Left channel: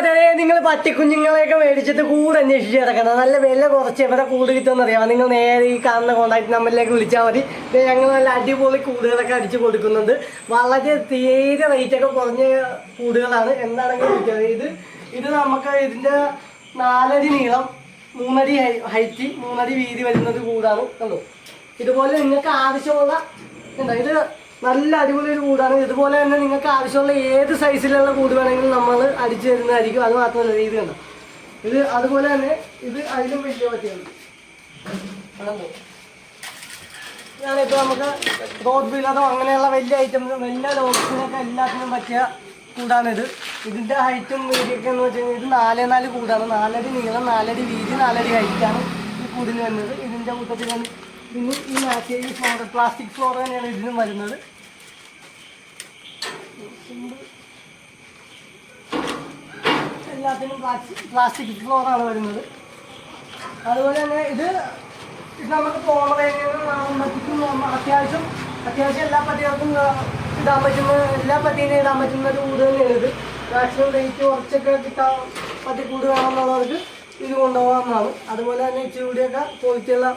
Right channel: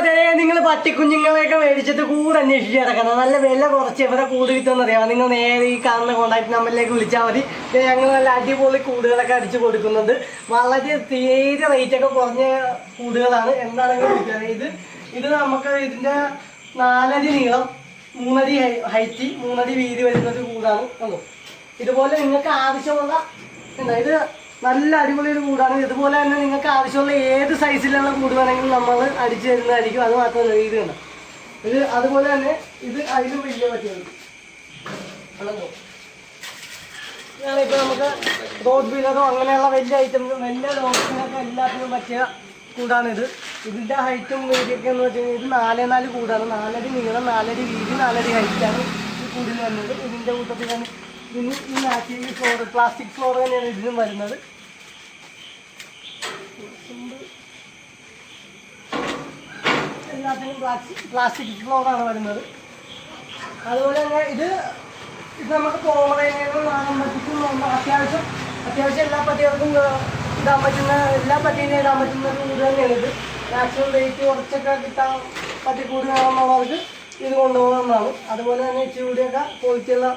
അതെ, നിങ്ങൾ പട്ടിക്കുഞ്ഞുങ്ങളെയൊക്കെ മേടിച്ചിട്ട് കൂട് അന്വേഷിച്ച് കിടക്കണം. നല്ല വില കുറച്ച് എവിടെ കൂട് കിട്ടുമെന്ന് അറിയാം. നിങ്ങൾ നേരെ ഈ കാണുന്ന കോൺടാക്ട് നമ്പറിലേക്ക് വിളിച്ചാൽ മതി. ഞങ്ങൾ നല്ല അടിപൊളി കൂടുകളൊക്കെ അടിച്ചു കൊടുക്കുന്നുണ്ട്. വളരെ തീരെ റേറ്റൊക്കെ കുറഞ്ഞ കൂടുകളാണ്. എന്താണെങ്കിലും വിളിക്കുന്നത്. ഇത് നമുക്ക് ഇതിൻ്റെ 4 അടി നീളം, 3 അടി ഹൈറ്റ്, 3 അടി വീതി വരുന്നൊരു കൂടാണ്. കണ്ടോ? ഇതുപോലെ നിങ്ങൾക്ക് ആവശ്യമുള്ള ഇത് നല്ല അടിപൊളി ഒരു കൂടാണ്. ഇതുപോലെ തന്നെ നിങ്ങൾക്ക് ആവശ്യമുള്ള ഏത് സൈസിലുള്ള കൂട് വേണമെങ്കിലും നമ്മൾ അടിച്ചു തരുന്നതായിരിക്കും. അത് മാത്രമല്ല, ഇത് കണ്ടോ, ഇത് അതുപോലെ തന്നെ ഇത് അതിലും വലിയ പറ്റിയുണ്ട്. ഇതാണിപ്പോൾ നമുക്ക് റോഡ് ബീലറോ അങ്ങനെയുള്ള വലിയ ഐറ്റംസും വലിയ ഡോഗ്സിനൊക്കെ എല്ലാത്തിനും പറ്റിയ കൂടാണിത്. ഇതിൻ്റെ ഹൈറ്റും വീതിയൊക്കെ എന്ന് വെച്ച് കഴിഞ്ഞാൽ ഇത് 4x4 കൂടാണ്. 4 അടി നീളം, 4 അടി വീതി, 4 അടി ഹൈറ്റാണ് ഈ കൂടിന് വരുന്നത്. ഇതിൻ്റെ കൂട്ടത്തിലാണ് ഇതിന് ഈ മാറ്റിയ ഈ ഫ്ലോർ, പ്ലാസ്റ്റിക് ഫ്ലോർ തന്നെയാണ് ഇതിനും വരുന്നത്. എല്ലാത്തിനും പ്ലാസ്റ്റിക് ഫ്ലോറാണ് വരുന്നത്. അതുപോലെ തന്നെ ഇത് നമുക്ക് പോമറേനിയനും വാങ്ങുമ്പോഴത്തേക്കും അത്യാവശ്യം എല്ലാ പട്ടികൾക്കും ഇടാൻ പറ്റുന്ന, എല്ലാ പട്ടീനെ ഇടാൻ പറ്റുന്ന ഒരു കൂട് തന്നെയാണ് ഇത്. മാക്സിമം റേറ്റ് കുറച്ചൊക്കെ കിട്ടാൻ പട്ടിക്കൂട് വേണമെന്നുള്ളവർക്ക് ഇത് കൊണ്ടുപോകാവുന്നതാണ്. അതുപോലെ തന്നെ ഇച്ചിരി കൂടിയൊക്കെ ക്വാളിറ്റിയുള്ള